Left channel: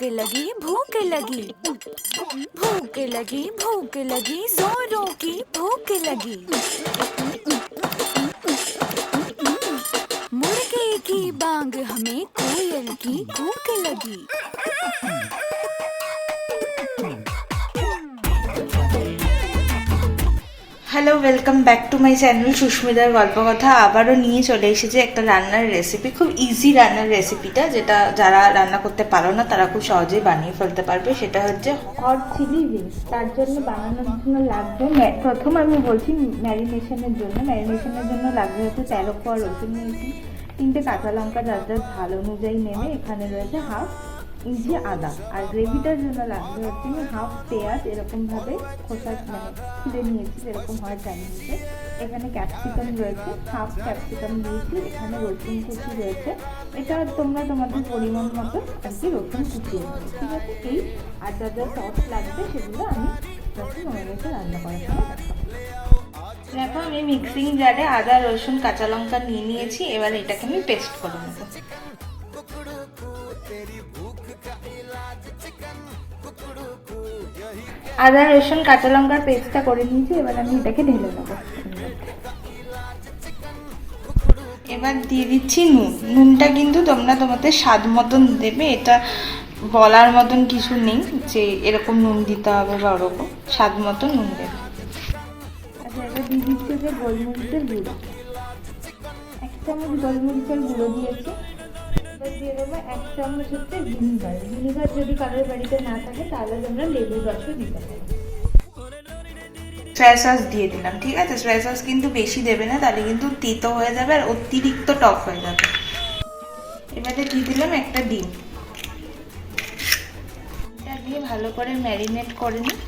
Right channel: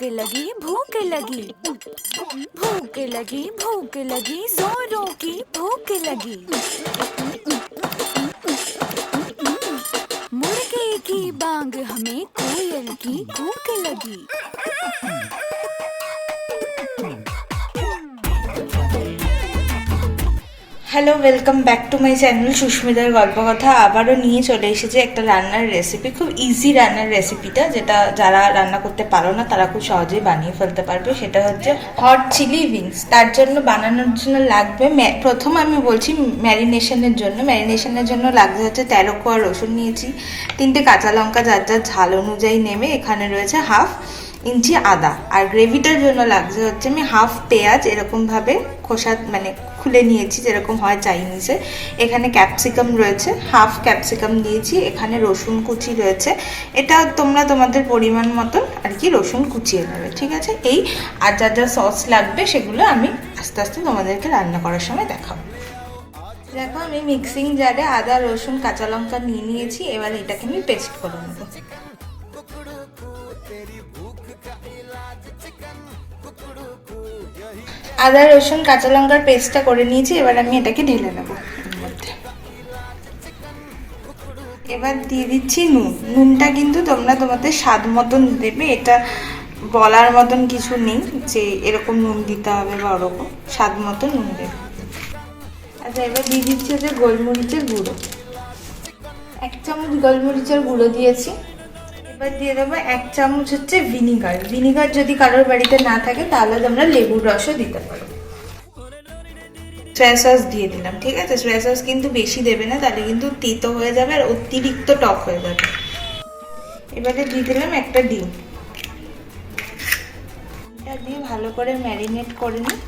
भूख लगी भूख लगी भूख लगी जोरों की भूख लगी मुर्गे की बांग हमें कोयल की कूक लगी। Hello, welcome back to my channel সুস্মিতার গল্প কথা। আবারও নিয়ে চলে এসেছি একটা রান্নার রেসিপি, খুব ইজি রান্নার রেসিপিটা, যেটা যারা রান্না করতে পারো না তারা খুব সহজেই বানিয়ে ফেলতে পারবে। সেটা হচ্ছে হট চিলি উইংস। তার জন্য বানানোর জন্য লাগবে, প্রথম আমি বলছি ম্যারিনেশনের জন্য লাগবে হচ্ছে 13 কোয়া রসুন নিয়েছি, 3টে কাঁচা লঙ্কা যার যার ঝাল অনুযায়ী নেমে, এখানে রয়েছে হাফ ইঞ্চি আদা, আর গ্রেভিটার জন্য লাগছে হচ্ছে আমি হাফ পেঁয়াজ এরকমভাবে খোসা খুলে নিয়েছি যেরকম হয় চাইনিজে। এখানে ক্যাপসিকাম রয়েছে, হাফ ক্যাপসিকাম দিয়েছি, এখানে রসুন কুচি রয়েছে। এটা তোমরা তোমাদের পরিমাণ মতন আর কি রসুন কুচিয়ে নেবে, ঠিক আছে। এই আর যা যা সস লাগবে সেগুলো আমি আস্তে আস্তে তোমাদেরকে রান্না করার সময় দেখাবো। দেখো, আমি মিক্সিং জারে আদা রসুন কাঁচা লঙ্কা নিয়ে নিয়েছি, এবার এটাকে আমি পেস্ট করে নেবো। আদা রসুন কাঁচা লঙ্কার পেস্টটা করে নিয়েছি, এবার আমি এটাকে ঢেলে নেব। এবার দিয়ে দিচ্ছি নুনটা কিন্তু তোমরা তোমাদের স্বাদ মতন দেবে, এটা বলার মতন কিছু নেই যে এরকম নুন দিতে হবে বা ওরকম, স্বাদ মতো নুন দেবে। আচ্ছা, এবার দিয়ে দিচ্ছি হচ্ছে গোলমরিচের গুঁড়ো, 1 চামচ গোলমরিচের গুঁড়ো দিয়েছি। এবার দিয়ে দেবো 1 চামচ হচ্ছে ভিনিগার যদি কারোর বাড়িতে না থাকে তাহলে তোমরা লেবুর রসও দিতে পারো। সয়া সস দিয়ে দিলাম, ঠিক আছে। সয়া সস কিন্তু বেশি দেবে না, তাহলে কিন্তু তিতো হয়ে যাবে আর অতিরিক্ত টক হয়ে যাবে। এবারে দিয়ে দিলাম একটা ডিম, এটা দিয়ে ভালো করে ম্যারিনেট করে নিই।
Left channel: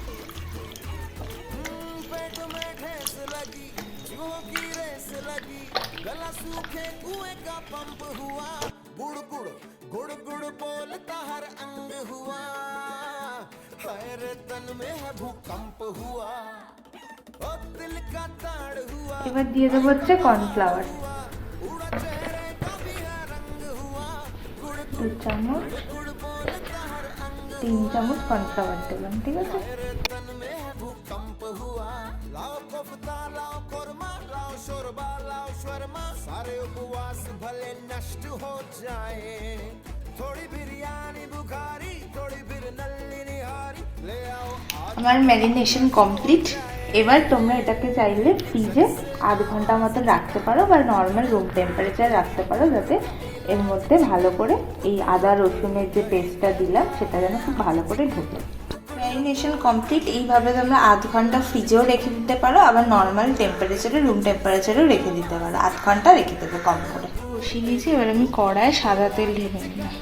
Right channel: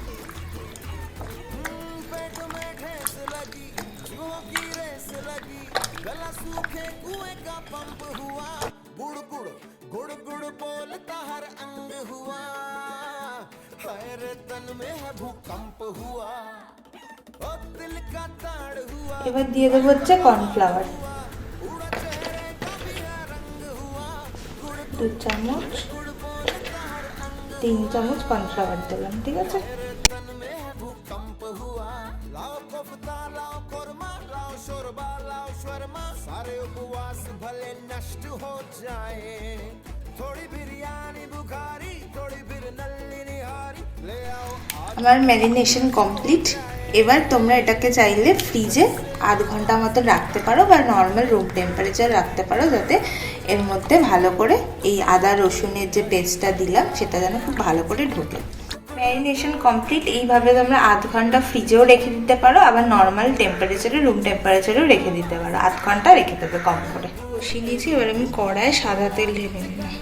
এবার দিয়ে দেবো হচ্ছে কর্নফ্লাওয়ার, 2 চামচ, 3 চামচ কর্নফ্লাওয়ার দিলাম, ঠিক আছে। আমার ম্যারিনেশন কমপ্লিট। এবার তোমরা এটাকে চাইলে ফ্রিজে 8 ঘন্টা মতো রাখতে পারো বা নর্মাল রুম টেম্পারেচার রাখতে পারো, যাতে এর মধ্যে ভালো করে এই আদা রসুনের যে পেস্টটা দিলাম সেটা যেন খুব ভালো করে ঢোকে। Marination complete. এইভাবে তোমরা 8 ঘন্টা ফ্রিজেও রেখে দিতে পারো, আবার নর্মাল টেম্পারেচারে রুম টেম্পারেচারেও রেখে দিতে পারো। 8 ঘন্টা রেখে দেবে কম করে। বসিয়ে দিয়েছি, এবার আমি কড়ায় সাদা তেল ঢেলে নিলাম।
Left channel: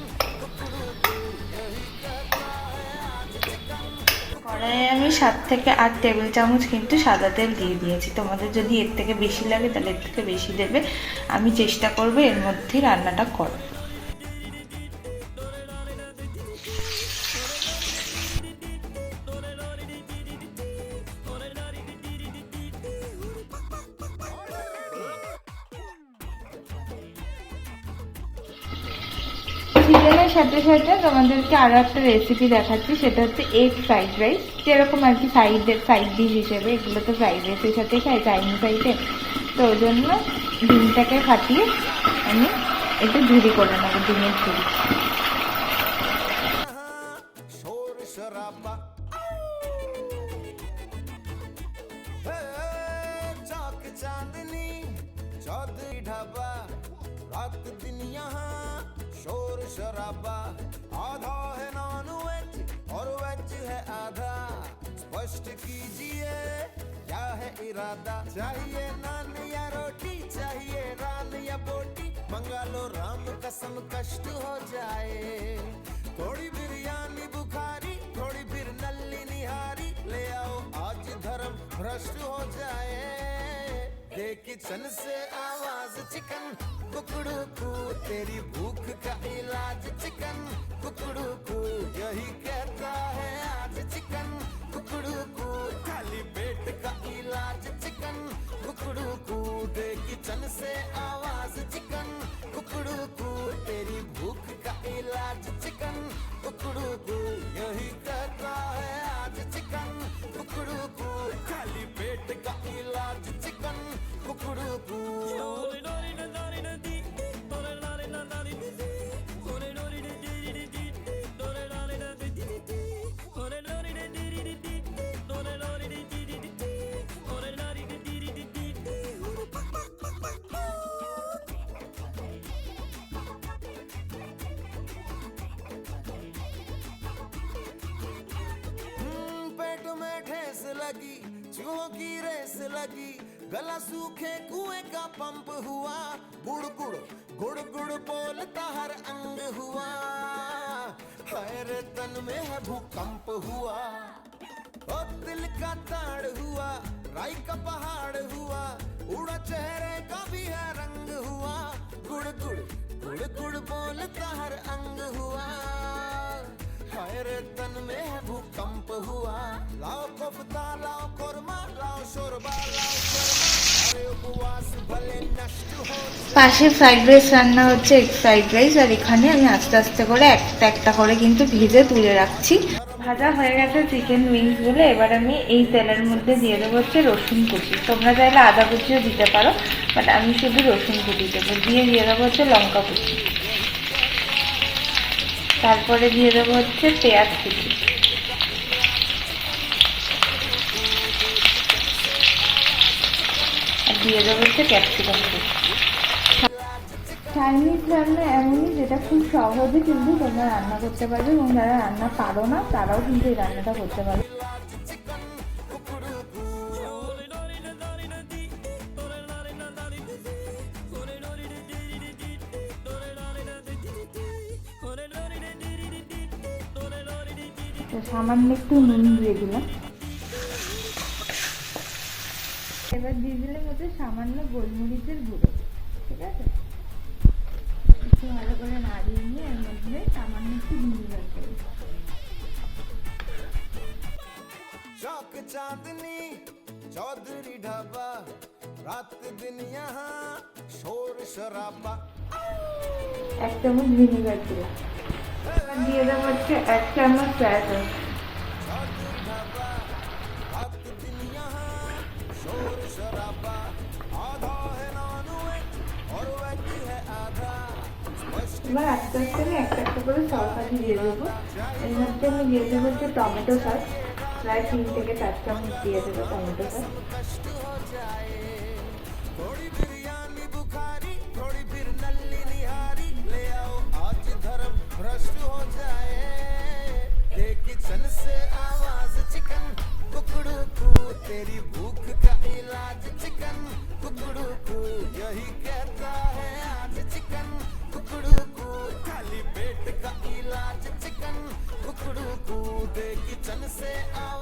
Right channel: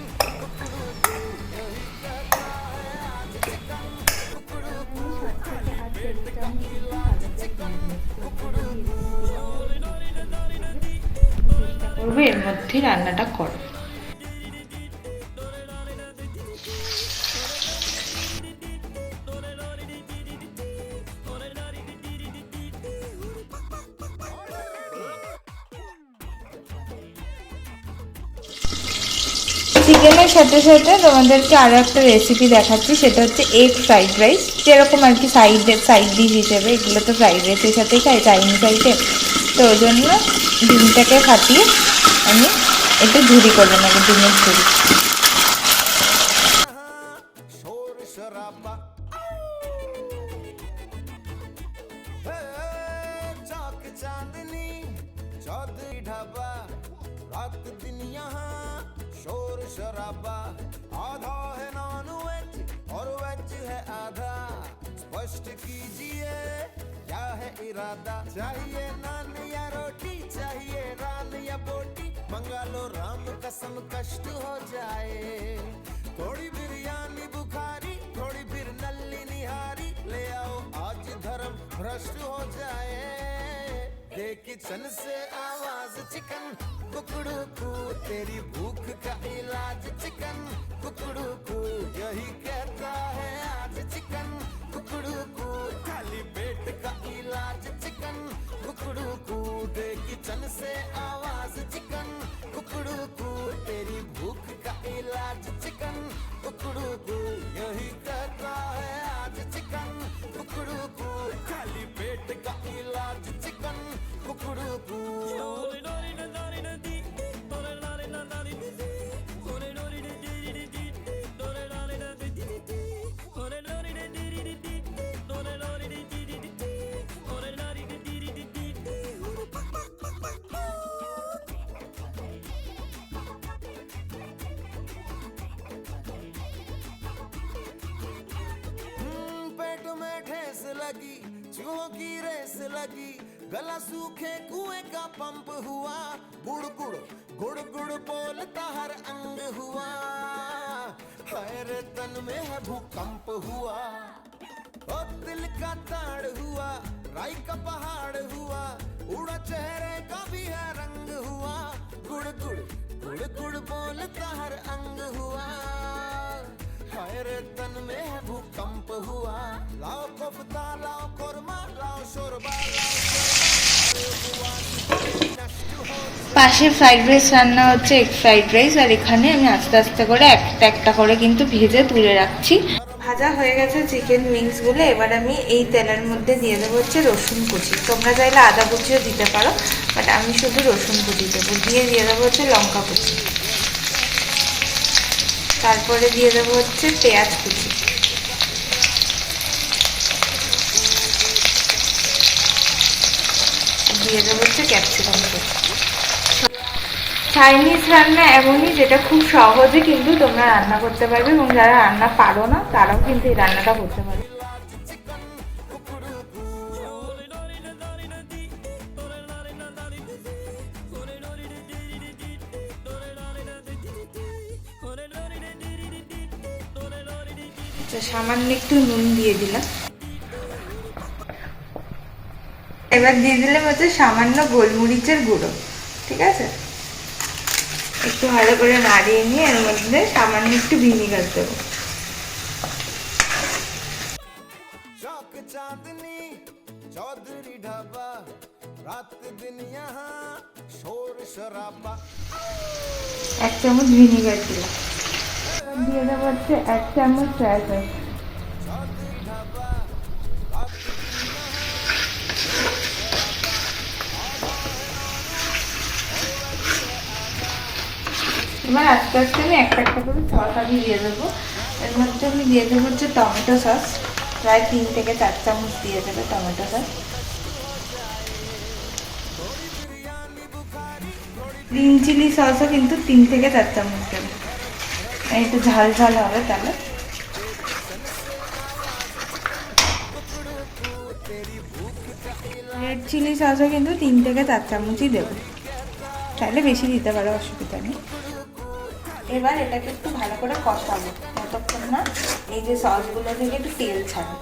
আমি 7 থেকে 8 টেবিল চামচ কিন্তু সাদা তেল দিয়ে দিয়েছি। তোমাদের যদি এর থেকে বেশি লাগে তাহলে এর থেকে বেশি দেবে। আমি চেষ্টা করবো এর মধ্যে রান্নাটা করো। চিকেনের সাথে সাথে তোমাদেরকে আরও একটা রেসিপি দেখাচ্ছি, সেটা হচ্ছে এগ ফ্রাইড রাইস। যেরকম আর কি সাইড ডিশ হিসেবে, এগুলো তো ফ্রাইড রাইসের সাথেই খাই চাইনিজ আইটেম, তো ওই জন্য ডিমটাকে ফাটিয়ে আমি একটু ঝুরি করে নেবো, ডিমের ঝুরি। शराबा आधा है नॉन वेज और वेज है आधा, स्पष्ट कीजिए क्या है इरादा। चाहिए नान या रोटी, चाहिए रान या बोटी, मंगा लो राम कसम कष्ट हो जाए। थोड़ी बिरयानी बुखारी, थोड़ी फिर नल्ली निहारी, ले आओ आज धर्म भ्रष्ट हो जाए। किचन से आवाज चिकन कुकड़ू कू, तेरी भूख का इलाज चिकन कुकड़ू कू, यही कहता है आज चिकन कुकड़ू कू, खाली पेट का इलाज चिकन कुकड़ू कू, दे किचन से आवाज चिकन कुकड़ू कू, तेरी भूख का इलाज चिकन कुकड़ू कू। लगी चूहों की रेस लगी गला सूखे कुएं का पंप हुआ गुड़ गुड़ गुड़ गुड़ बोलता हर अंग हुआ हाय रे तन में है भूकंप हुआ ओ दिल का ताड़ हुआ राई का पहाड़ हुआ उड़ा चेहरे का भी है रंग हुआ गुड़ गुड़ गुड़ गुड़ बोलता हर अंग हुआ हाय रे तन में है भूकंप हुआ लाओ कोफ्ता लाओ कोरमा लाओ शोरबा लाओ शोरबा अरे उपवास करे नष्ट हो পাশে ফ্রাইড রাইস রান্না হচ্ছে, এগ ফ্রাইড রাইস। আর এখানে আমি আস্তে আস্তে করে একটা একটা করে কিন্তু ভেজে তুলে রাখছি। ভাজা হয়ে গেছে চিকেন উইংস গুলো। এবার আমি এই তেলের মধ্যে দিয়ে দেবো হচ্ছে রসুন কুচি। তোমরা চাইলে আদা কুচিও দিতে পারো, বাট আমি শুধু রসুন কুচি দেবো। দিয়ে দেবো হচ্ছে লঙ্কা কুচি, তারপরে দিয়ে দেবো হচ্ছে পেঁয়াজ কুচি, দিয়ে দেবো হচ্ছে ক্যাপসিকাম কুচি। চাইনিজ রান্না এমনই যেটা খুব সহজে কিন্তু তোমরা রান্না করতে পারবে, এবং যারা রান্না পারো না তারাও কিন্তু এই রান্নাটা করতে পারবে। সামান্য একটু নুন দিয়ে দিলাম। এবার দিয়ে দিলাম হচ্ছে সামান্য গোলমরিচের গুঁড়ো। ঠিক আছে, একটু ভালো করে নাড়িয়ে নিয়ে এর মধ্যে সামান্য একটু ভিনিগার দেবো। चौक चांदनी चौधरी ढाबा रात दिन यहाँ शोर शराबा 1 চামচ ভিনিগার দিলাম। দিয়ে দেবো হচ্ছে 1 চামচ সয়া সস। चौधरी ढाबा रात दिन यहाँ शोर शराबा आधा है नॉनवेज और वेज है आधा এবার আস্তে আস্তে আমি একটা একটা করে সস আমি দিয়ে দেবো। এর মধ্যে আমি দিয়ে দেবো হচ্ছে টমেটো সস, প্রায় 3 থেকে 4 চামচ দিয়ে দেবো টমেটো সস। গ্রিন চিলি সসও কিন্তু 3 থেকে 4 চামচ দেবো, একটু ঝাল ঝাল হবে তাহলে। রেড চিলি সসও কিন্তু 3 থেকে 4 চামচই দেবো, তাহলে বেশি দিতে পারো, অসুবিধা নেই। এবার এটাকে একটু ভালো করে কষাবো ততক্ষণ না এই যে সসগুলো থেকে একটু তেল ছাড়ে।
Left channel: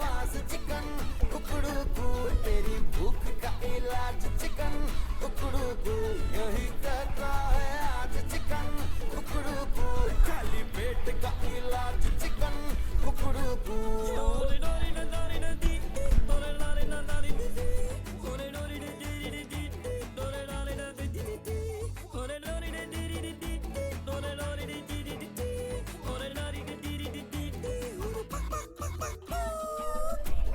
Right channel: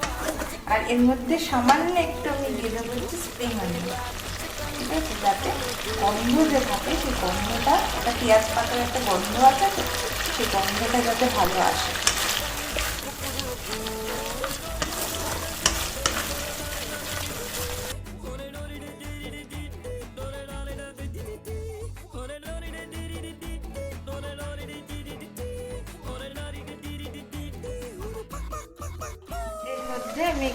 আর এর মধ্যে সামান্য একটু আমি দিয়ে দেবো স্প্রিং অনিয়ন, যাতে গন্ধ যে থাকে সেই গন্ধটা, একটা পেঁয়াজ পাতার একটা গন্ধ আছে, সেই গন্ধটা যাতে ভালো আসে। আমি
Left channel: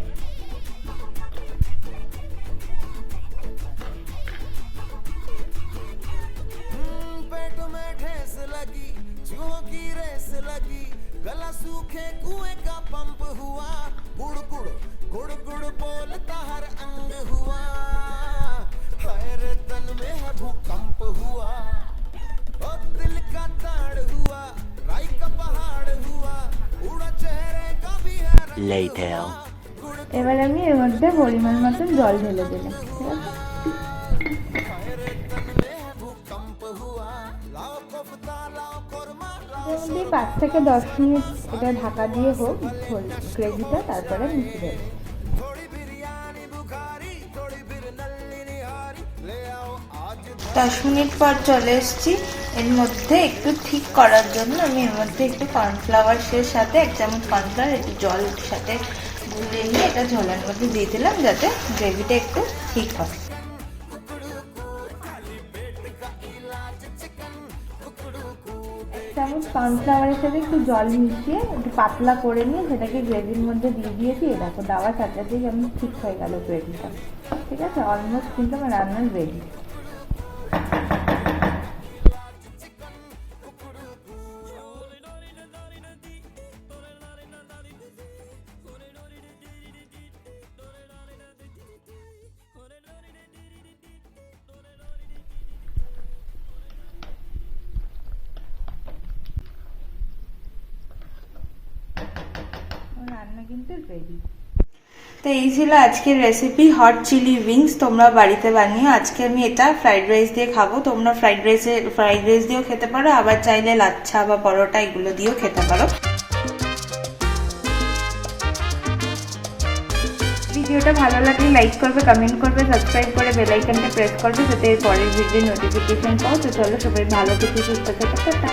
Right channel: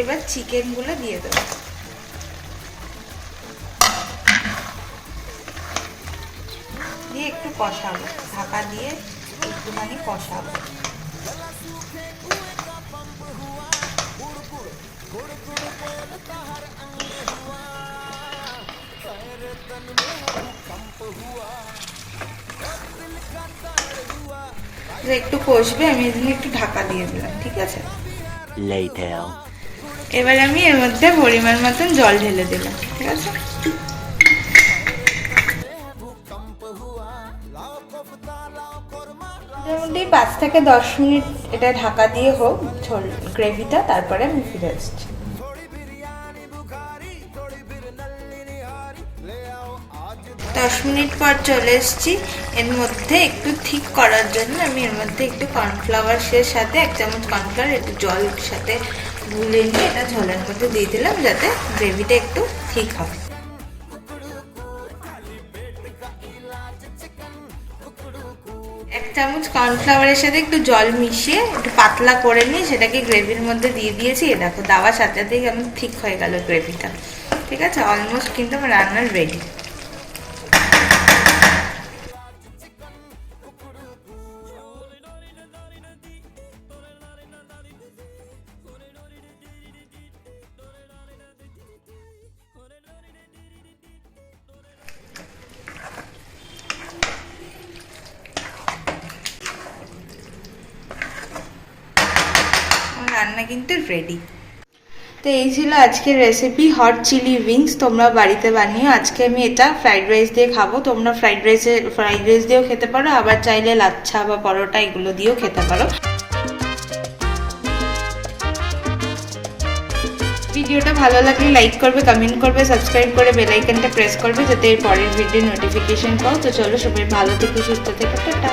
এবার চিকেনগুলো দিয়ে দেবো। দিয়ে একটু কষাবো, ঢাকা দিয়ে একটুখানি কষাবো। गला सूखे कुएं का पंप हुआ गुड़ गुड़ गुड़ गुड़ बोलता हर अंग हुआ हाय रे तन में है भूकंप हुआ ओ दिल का ताड़ हुआ একটু কষবে, আমি এদিকে একটু ঢাকা দিয়ে দিলাম। ঠিক আছে, এবার আমি এর মধ্যে পরিমাণ মতন জল ঢেলে দিলাম। ঠিক আছে, মোটামুটি 5 থেকে 10 মিনিট এটা ঢাকা দিয়ে হোক ঝোল গ্রেভিটা, তারপরে আমি ফিরে আসছি। 10 মিনিট পর চলে এসেছি। এর মধ্যে একটু ঠিক করার জন্য আমি এর মধ্যে একটু কর্নফ্লাওয়ারের সাথে 1 চামচ কর্নফ্লাওয়ার একটু জলের সাথে গুলে নিয়ে এটা ঝোলের মধ্যে দিয়ে দিলাম, যাতে গ্রেভিটা একটু ঠিক হবে। 1 চামচ কর্নফ্লাওয়ারের সাথে একটু জল মিশিয়ে একটু পাতলা করে নিয়ে সেটাকে গ্রেভির মধ্যে দিয়ে দিয়েছি। এ দেখো দেওয়ার সাথে সাথেই কেমন ঠিক হয়ে গেল গ্রেভিটা। ঠিক আছে, অলমোস্ট কিন্তু আমার রান্নার রেডি। রান্না কিন্তু রেডি। তো এই ছিল আজকের রেসিপি হট চিলি উইংস। তোমরা বাড়িতে বানিও। আজকে আমি এটা ফ্রাইড রাইস দিয়ে খাবো। তোমরা ফ্রাইড রাইস দিয়েও খেতে পারো, আবার চাইলে লাচ্ছা বা পরোটা এগুলো দিয়েও খেতে পারো। ভিডিওটা ভালো লাগলে লাইক করবে, কমেন্ট করবে, সাবস্ক্রাইব করে বেল আইকনটা প্রেস করবে যাতে এর পরের ভিডিও নোটিফিকেশন পাও। তো চলো সবাই ভালো থেকে সুস্থ থেকে টাটা।